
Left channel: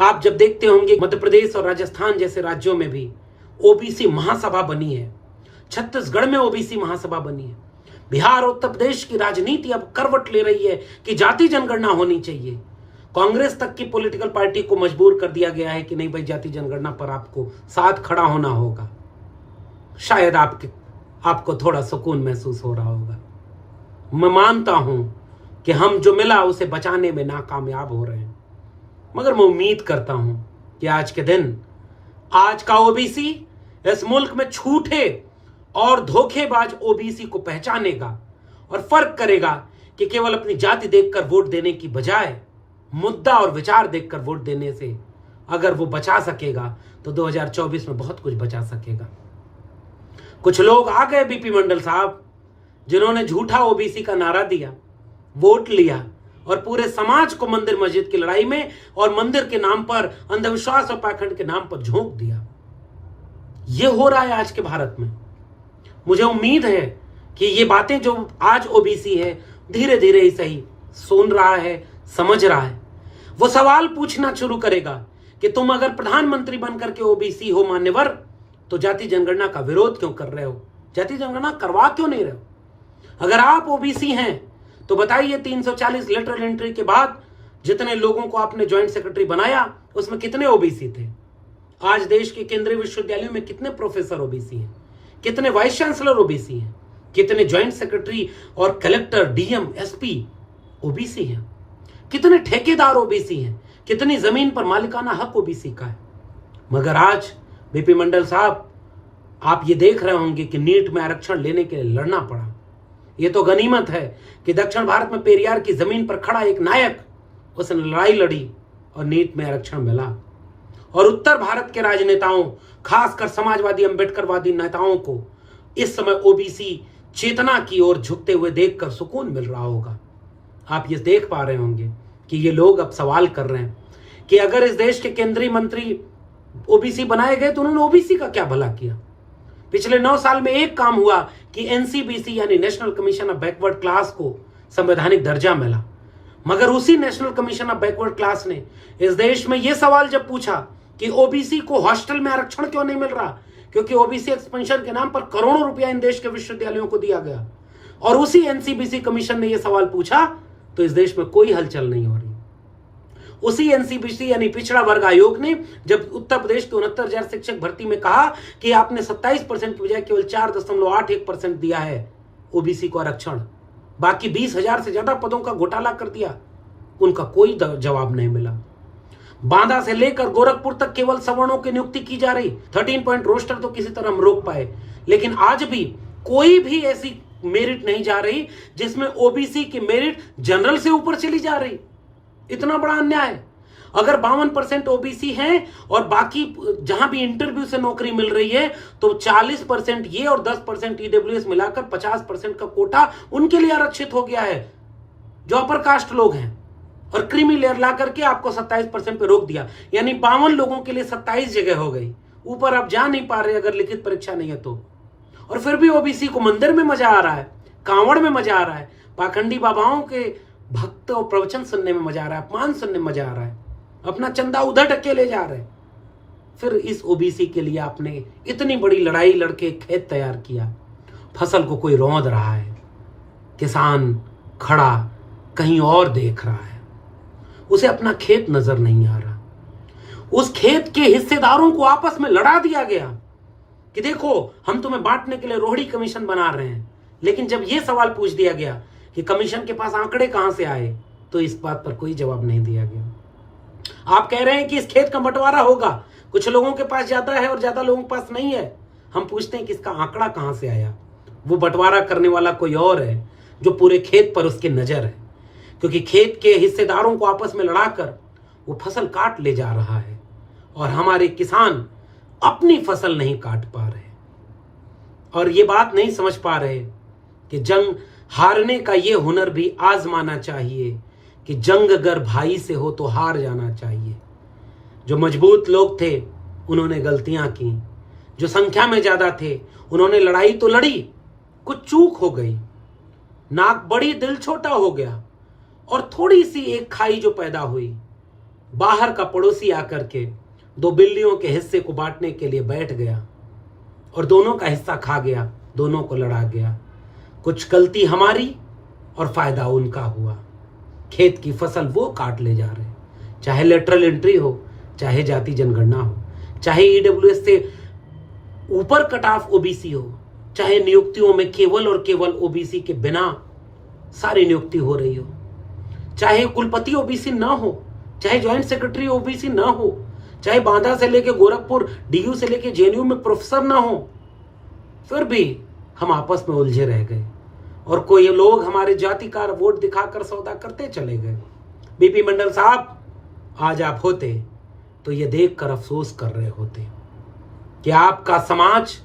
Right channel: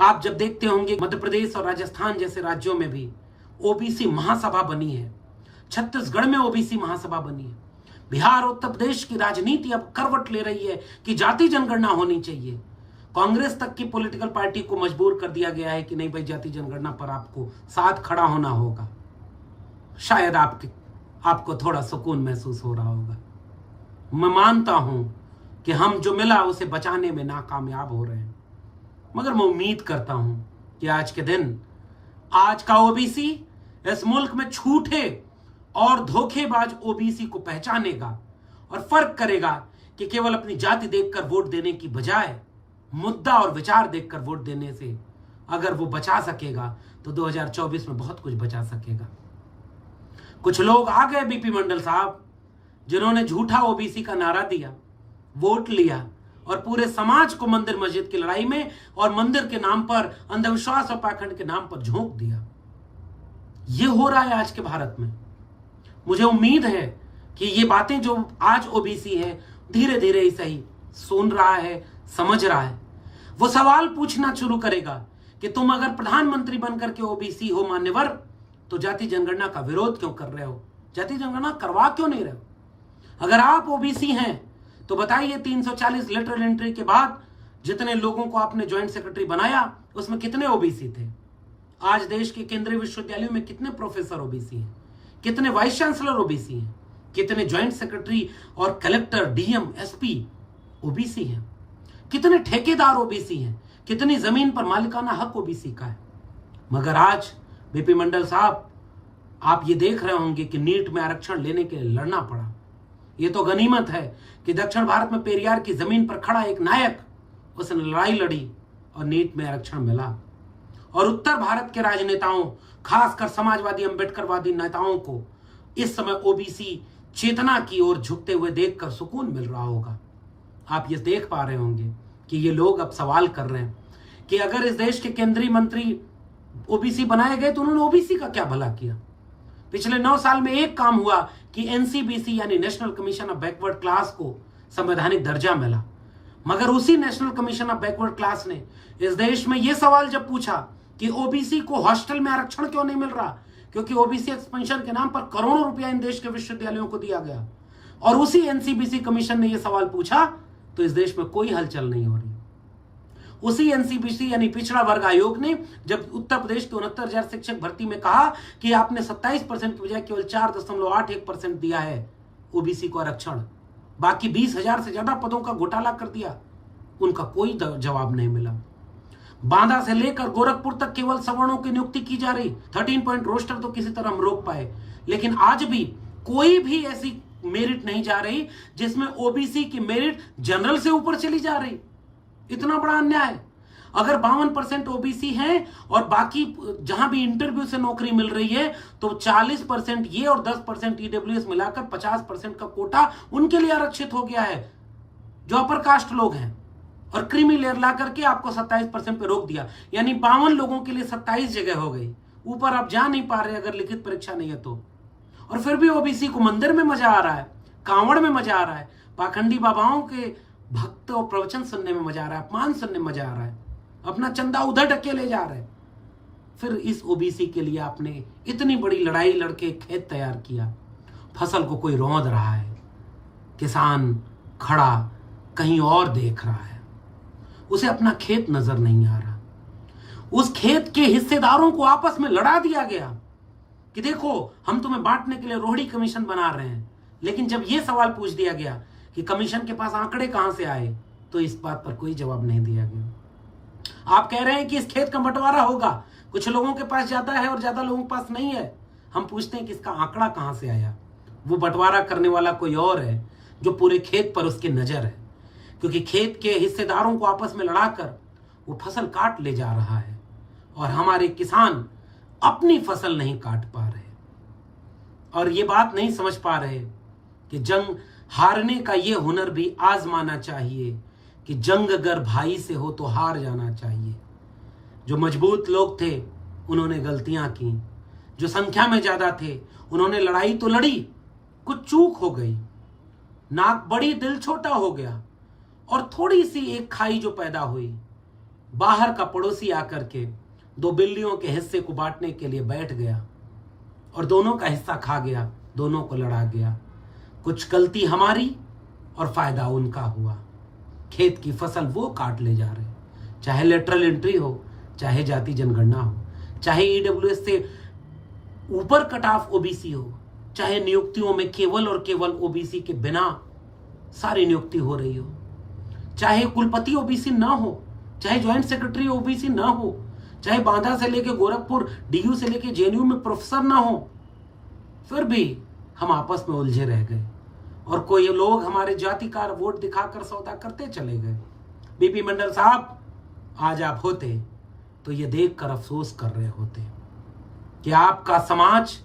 आप जब देखते होंगे मध्य प्रदेश और राजस्थान जैसे राज्यों में भी ओबीसी महासभा बनी है, छत्तीसगढ़ में ओबीसी महासभा बनी है, बिहार और उत्तर प्रदेश की राजनीति अब करवट ले रही है कि जाति जनगणना होनी चाहिए। कांग्रेस तक की पॉलिटिकल पार्टी को मजबूर कर दिया गया है कि नहीं भाई, जाति जनगणना पर आपको साथ खड़ा होना होगा। शायद आपको थोड़ा सुकून महसूस हो रहा होगा। मैं मानता हूं कि हम जो मिला उसे बचाने में नाकामयाब हो रहे हैं, मगर मैं उम्मीद करता हूं कि आज के दिन आज का ओबीसी इस मुल्क में झूठे और धोखेबाज ओबीसी को पहचानेगा और फर्क करेगा कि केवल अपनी जाति देखकर वोट देने की बजाय मुद्दा और विचार देखकर वोट देने से अगर वो बचा सकेगा तो 2024 में बहुत कुछ बचा सकेगा। कुछ लोग आ गए बीपी मंडल साहब, जिन्होंने झूठा ओबीसी का नारा दिया, वोट लिया और पूरे समाज को मंदिर मस्जिद की लड़ाई में और मंदिर के नाम पर, अंधविश्वास और पाखंड के नाम पर झोंक दिया। यह हो रहा है आज के भारत में। मुझे उम्मीद है कि ये बातें जो आज ओबीसी है धीरे धीरे ही सही सुन रहा है, समझ रहा है। वो सवाल पूछना शुरू करेगा कि तुम अगर प्रधानमंत्री बनकर के ओबीसी हो मान्यवर, तो जाति जनगणना का विरोध क्यों कर रहे हो, जाति जनगणना करवा क्यों नहीं रहे हो? अगर आप ओबीसी हैं तो बताइए 340 लेटरल एंट्री के बाद जितने लोगों को आपने ज्वाइंट सेक्रेटरी बनाया उसमें कितने ओबीसी थे? आज देश के केंद्रीय विश्वविद्यालयों में कितने प्रोफेसर ओबीसी हैं, कितने वाइस चांसलर ओबीसी हैं, कितने ज्वाइंट सेक्रेटरी और कलेक्टर, डीएम, एसपी ओबीसी हैं, कितने ठेकेदार ओबीसी हैं, कितनी जमीन पर मालिकाना हक ओबीसी का है। मगर आज बीपी मंडल साहब, आप ये देख रहे होंगे कि नीट में आरक्षण लेने के लिए लड़ना पड़ा। ये तो गनीमत है कि दक्षिण भारत में पेरियार की जमीन पर खड़ा एक नायक, उसने लड़ाई लड़ी और नीट में आरक्षण मिला। और उत्तर भारत के राजनेताओं, खासकर समाजवादी अम्बेडकरवादी नेताओं को इस समय ओबीसी चेतना की ओर झुकते हुए देखकर सुकून मिल रहा होगा। आप ये देख पा रहे होंगे कि ये लोग अब सवाल कर रहे हैं कि अगर इस देश के केंद्रीय मंत्री ओबीसी बनाए गए तो उन्होंने ओबीसी का क्या भला किया। पिछले 9 साल में एक काम हुआ कि एनसीबीसी यानी national commission of backward class को संवैधानिक दर्जा मिला, मगर उसी national commission of backward class ने इस देश में यह सवाल जब पूछा कि ओबीसी को हॉस्टल में आरक्षण क्यों नहीं मिल रहा, क्योंकि ओबीसी एक्सपेंशन के नाम पर करोड़ों रुपया इन देश के विश्वविद्यालयों को दिया गया, और उसी एनसीबीसी कमीशन ने यह सवाल पूछा तो इस देश में कोई हलचल नहीं हो रही। उसी एनसीबीसी यानी पिछड़ा वर्ग आयोग ने जब उत्तर प्रदेश के 69,000 शिक्षक भर्ती में कहा कि आपने 27% की बजाय केवल 4.81% दिया है ओबीसी को आरक्षण, बाकी 20,000 से ज्यादा पदों का घोटाला कर दिया, उनका कोई जवाब नहीं मिला। बांदा से लेकर गोरखपुर तक केवल सवर्णों की नियुक्ति की जा रही, 13 पॉइंट रोस्टर तो किसी तरह हम रोक पाए, लेकिन आज भी कोई भी ऐसी मेरिट नहीं जा रही जिसमें ओबीसी की मेरिट जनरल से ऊपर चली जा रही। इतना बड़ा अन्याय। अगर 52% ओबीसी हैं और बाकी जहां भी इंटरव्यू से नौकरी मिल रही है तो 40% ये और 10% ईडब्ल्यूएस मिलाकर 50% का कोटा उनके लिए आरक्षित हो गया है जो अपर कास्ट लोग हैं, और क्रीमी लेयर ला करके आपको 27% पे रोक दिया, यानी 52 लोगों के लिए 27 जगह हो गई। ऊपर आप जा नहीं पा रहे अगर लिखित परीक्षा नहीं है तो। और फिर भी ओबीसी को मंदिर में मजा आ रहा है, कांवड़ में मजा आ रहा है, पाखंडी बाबाओं के भक्त और प्रवचन सुनने में मजा आ रहा है, अपमान सुनने में मजा आ रहा है, अपना चंदा उधर ढके ले जा रहे हैं। फिर इस ओबीसी के लिए आपने इतनी बड़ी लड़ाई लड़के खेत तैयार किया, फसल को कोई रौंद रहा है, किसान खड़ा कहीं और देख रहा है, उसे अपना खेत नजर नहीं आ रहा। उस खेत के हिस्सेदारों को आपस में लड़ा दिया गया कि देखो हम तुम्हें बांटने के लिए रोहिणी कमीशन बना रहे हैं, लेकिन जब यह सवाल पूछ दिया गया कि कमीशन के पास आंकड़े कहां से आए तो इस बात पर कोई जवाब नहीं दिया गया। आप कह रहे हैं कि इस खेत का बंटवारा होगा, कुछ लोगों के पास जाता है और ज्यादा लोगों के पास नहीं है। हम पूछते हैं कि इसका आंकड़ा कहां से आया। वो बंटवारा करने वाला कोई और है जो पूरे खेत पर उसकी नजर है, क्योंकि खेत के हिस्सेदारों को आपस में लड़ाकर वो फसल काट ले जा रहा है और हमारे किसान अपनी फसल नहीं काट पा रहे और ये बात नहीं समझ पा रहे कि जंग हारने का ये हुनर भी आजमाना चाहिए कि जंग अगर भाई से हो तो हार जाना चाहिए। जो मजबूत लोग थे उन्होंने गलतियां की, जो संख्या में ज्यादा थे उन्होंने लड़ाई तो लड़ी, कुछ चूक हो गई, नाक बड़ी दिल छोटा हो गया और थोड़ी सी एक खाई जो पैदा हुई, बाहर का पड़ोसी आकर के 2 बिल्लियों के हिस्से को बांटने के लिए बैठ गया और दोनों का हिस्सा खा गया, दोनों को लड़ा गया। कुछ गलती हमारी और फायदा उनका हुआ। खेत की फसल वो काट ले जा रहे, चाहे लेटरल एंट्री हो, चाहे जाति जनगणना हो, चाहे ईडब्ल्यूएस से ऊपर कट ऑफ ओबीसी हो, चाहे नियुक्तियों में केवल और केवल ओबीसी के बिना सारी नियुक्ति हो रही हो, चाहे कुलपति ओबीसी ना हो, चाहे ज्वाइंट सेक्रेटरी ओबीसी ना हो, चाहे बांदा से लेके गोरखपुर, डीयू से लेके जेएनयू में प्रोफेसर ना हो, फिर भी हम आपस में उलझे रह गए और कोई लोग हमारे जाति का वोट दिखाकर सौदा करते चले गए। बीपी मंडल साहब, आज आप होते तो ये देखकर अफसोस कर रहे होते कि आपका समाज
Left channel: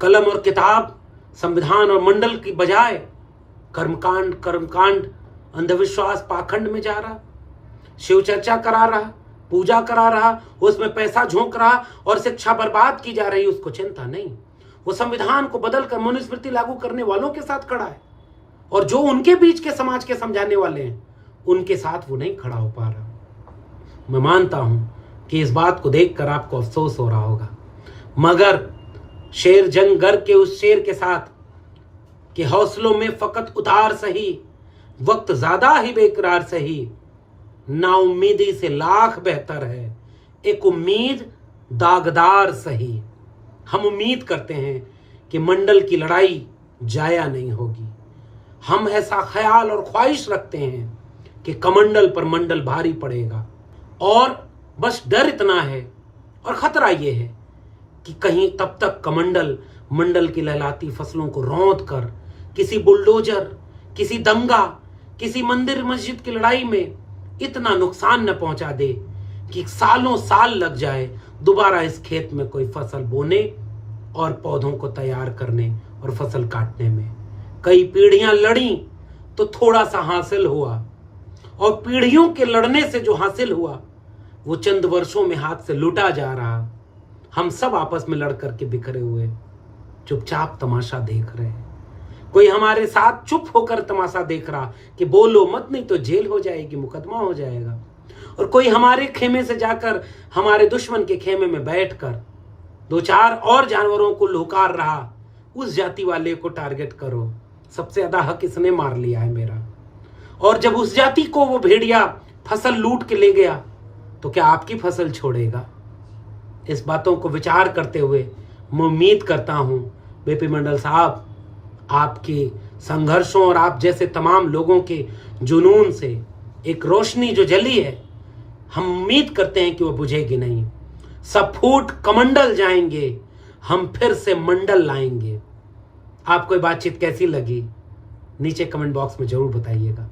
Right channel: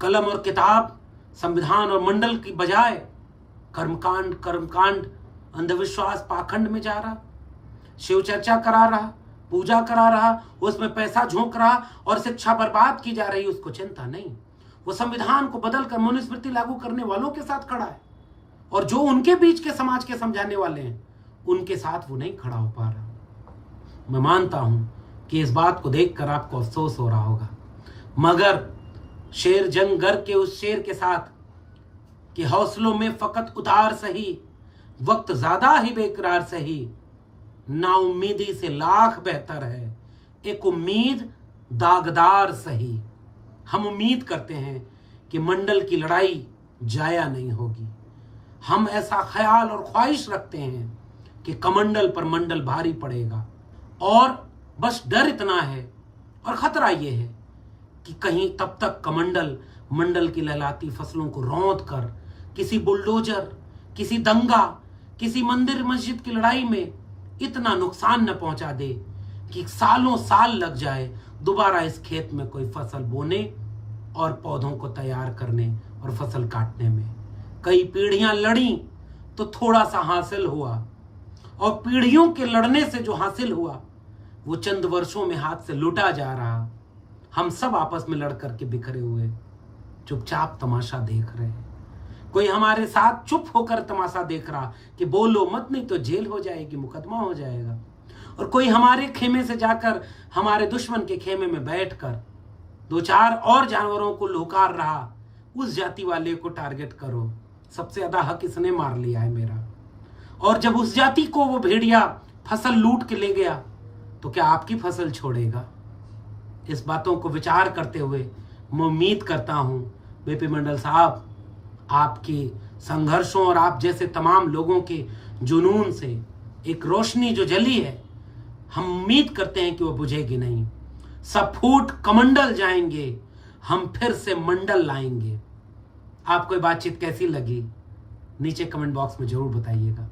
कलम और किताब, संविधान और मंडल की बजाय कर्मकांड, अंधविश्वास, पाखंड में जा रहा, शिव चर्चा करा रहा, पूजा करा रहा, उसमें पैसा झोंक रहा और शिक्षा बर्बाद की जा रही, उसको चिंता नहीं। वो संविधान को बदलकर मनुस्मृति लागू करने वालों के साथ खड़ा है और जो उनके बीच के समाज के समझाने वाले हैं उनके साथ वो नहीं खड़ा हो पा रहा। मैं मानता हूं कि इस बात को देखकर आपको अफसोस हो रहा होगा, मगर शेर जंग गर के उस शेर के साथ कि हौसलों में फकत उतार सही, वक्त ज्यादा ही बेकरार सही, नाउम्मीदी से लाख बेहतर है एक उम्मीद दागदार सही। हम उम्मीद करते हैं कि मंडल की लड़ाई जाया नहीं होगी। हम ऐसा ख्याल और ख्वाहिश रखते हैं कि कमंडल पर मंडल भारी पड़ेगा और बस डर इतना है और खतरा यह है कि कहीं तब तक कमंडल मंडल की लहलाती फसलों को रौंद कर किसी बुलडोजर, किसी दंगा, किसी मंदिर मस्जिद की लड़ाई में इतना नुकसान न पहुंचा दे कि सालों साल लग जाए दोबारा इस खेत में कोई फसल बोने और पौधों को तैयार करने और फसल काटने में। कई पीढ़ियां लड़ी तो थोड़ा सा हासिल हुआ, और पीढ़ियों के लड़ने से जो हासिल हुआ वो चंद वर्षों में हाथ से लूटा जा रहा। हम सब आपस में लड़ करके बिखरे हुए चुपचाप तमाशा देख रहे हैं। कोई हमारे साथ चुप होकर तमाशा देख रहा कि बोलो मत, नहीं तो जेल हो जाएगी, मुकदमा हो जाएगा। और कोई हमारे खेमे से जाकर हमारे दुश्मन के खेमे में बैठकर दो चार और जानवरों को लुकार रहा, उस जाति वाले को टारगेट करो, सबसे ज्यादा हक इसने मार लिया है मेरा। और जब उस जाति को वो भेड़िया फसल लूट के ले गया तो क्या आपकी फसल छोड़ेगा? इस बातों को विचार करते हुए मैं उम्मीद करता हूं बीपी मंडल साहब, आपके संघर्षों और आप जैसे तमाम लोगों के जुनून से एक रोशनी जो जली है, हम उम्मीद करते हैं कि वो बुझेगी नहीं। सब फूट कमंडल जाएंगे, हम फिर से मंडल लाएंगे। आपको ये बातचीत कैसी लगी नीचे कमेंट बॉक्स में जरूर बताइएगा।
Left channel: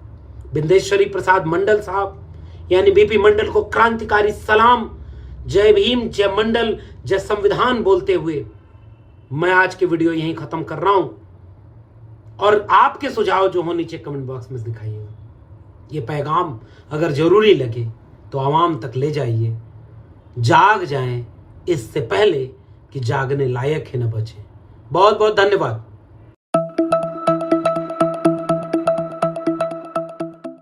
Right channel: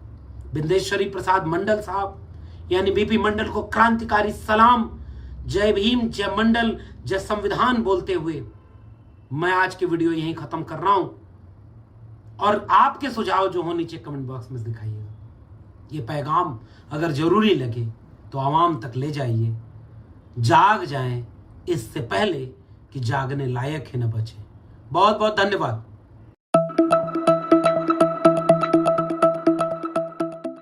बिंदेश्वरी प्रसाद मंडल साहब यानी बीपी मंडल को क्रांतिकारी सलाम, जय भीम, जय मंडल, जय संविधान बोलते हुए मैं आज की वीडियो यहीं खत्म कर रहा हूं। और आपके सुझाव जो हो नीचे कमेंट बॉक्स में दिखाइएगा। ये पैगाम अगर जरूरी लगे तो आवाम तक ले जाइए। जाग जाएं इससे पहले कि जागने लायक ही न बचे। बहुत बहुत धन्यवाद।